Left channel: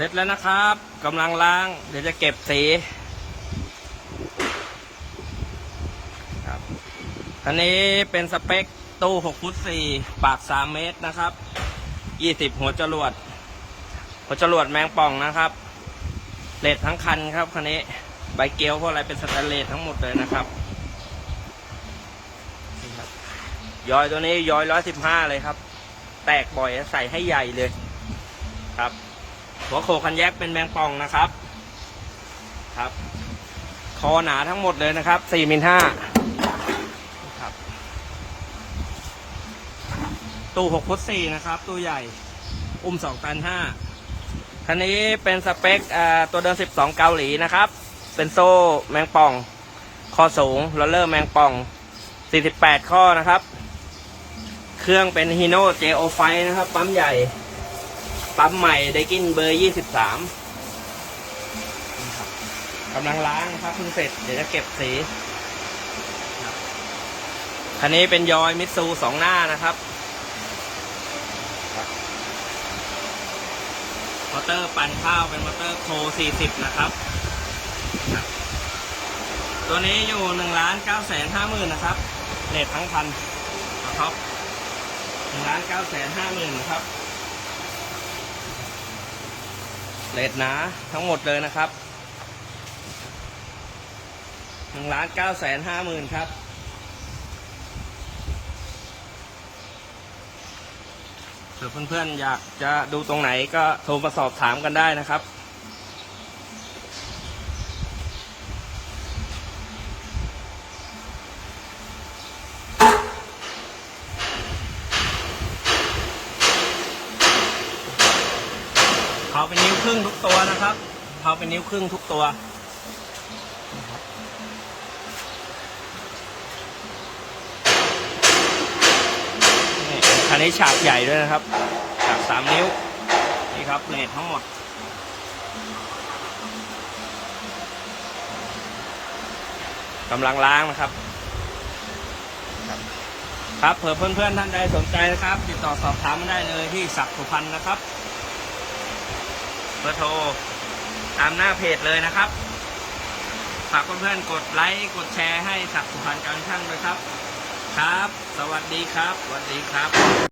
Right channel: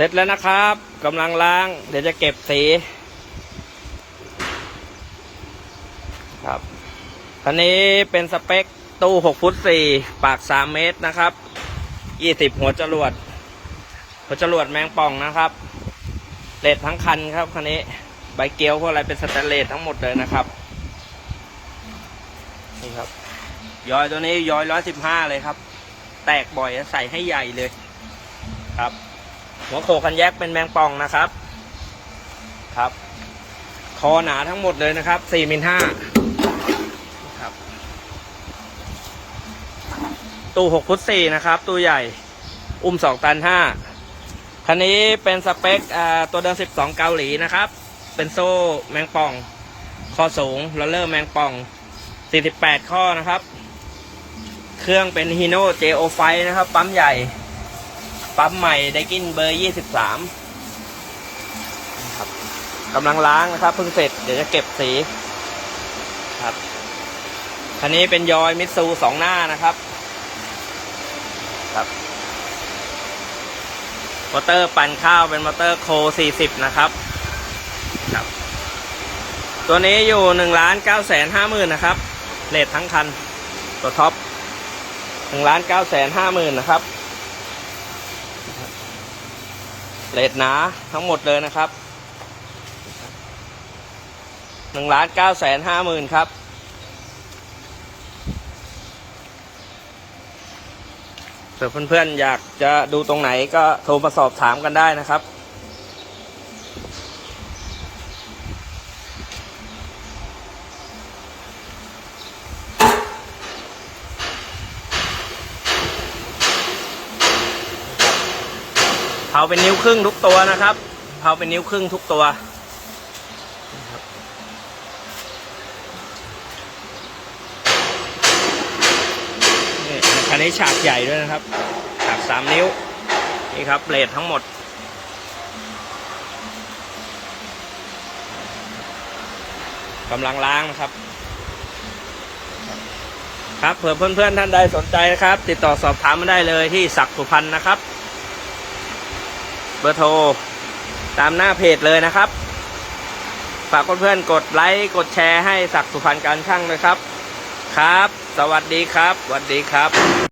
เสร็จแล้วนะครับกำลังล้าง เดี๋ยวจะเก็บสีครับคันนี้เป็นสเปคตู้ 6 ฟุต 4 ปาก 3 เมตรนะครับ 20 หัวจรวด หัวจรวดแมงป่องนะครับเลดทั้งคันครับคันนี้ใบเกลียวพวกอะไรเป็นสแตนเลสทั้งหมดเลยนะครับนี่ครับ ย้อยตัวนี้ยอยร้อยสิบห้าเลยครับ แตกบ่อยใส่ให้ใหญ่เลยครับ หัวโขกันแยกเป็นแมงป่องนะครับ ครับ คอหนาทั้งหมดเลยนะครับสี่มิลห้าครับ ตู้หกฟุตสี่นะครับ ตู้ใหญ่ อุ้มสองตันห้าคันนี้เป็นสเปคตัวเดิมสิบสองเกาหลีนะครับ เป็นโซ่แมงป่อง คอสูงลอเลอร์แมงป่องสี่สิบแปดข้อนะครับ เครื่องเป็นฮีโน่เจโอไฟนะครับ ปั๊มใหญ่ ปั๊มใหม่ไดกินเบอร์ยี่สิบสามครับกำลังล้างนะครับเพิ่งเสร็จเดี๋ยวจะเก็บสีครับคันนี้เป็นยอยมิตซูสองหน้านะครับ ครับ มอเตอร์ปั่นข้าวเป็นมอเตอร์โค40นะครับครับ ตัวนี้อยู่1ล้าน9แสน5หมื่นนะครับเลททั้งคัน ตัวท็อป1ล้าน9แสน5หมื่นนะครับ เลดหนาทั้งหมดเลยนะครับหนึ่งล้านเก้าแสนห้าหมื่นครับ เผื่อเพื่อนๆอยากจะดูตรงไหนก็โทรมาสอบถามกันได้นะครับ เผาเป็นนิ้วครึ่งทุกตัวนะครับ เผาเป็นนิ้วครึ่งทุกตัวนี่ครับนี่คันนี้ฉากใหญ่ด้วยนะครับ ฉากสามนิ้ว นี่ครับเลททั้งหมดกำลังล้างนะครับ ครับเผื่อเพื่อนๆท่านใดสนใจนะครับ ติดต่อสอบถามมาได้เลยที่ศักดิ์สุพรรณนะครับ เบอร์โทร ตามหน้าเพจเลยนะครับ ฝากเพื่อนๆกดไลค์กดแชร์ให้ศักดิ์สุพรรณการช่างเลยครับ ครับ สวัสดีครับสวัสดีครับ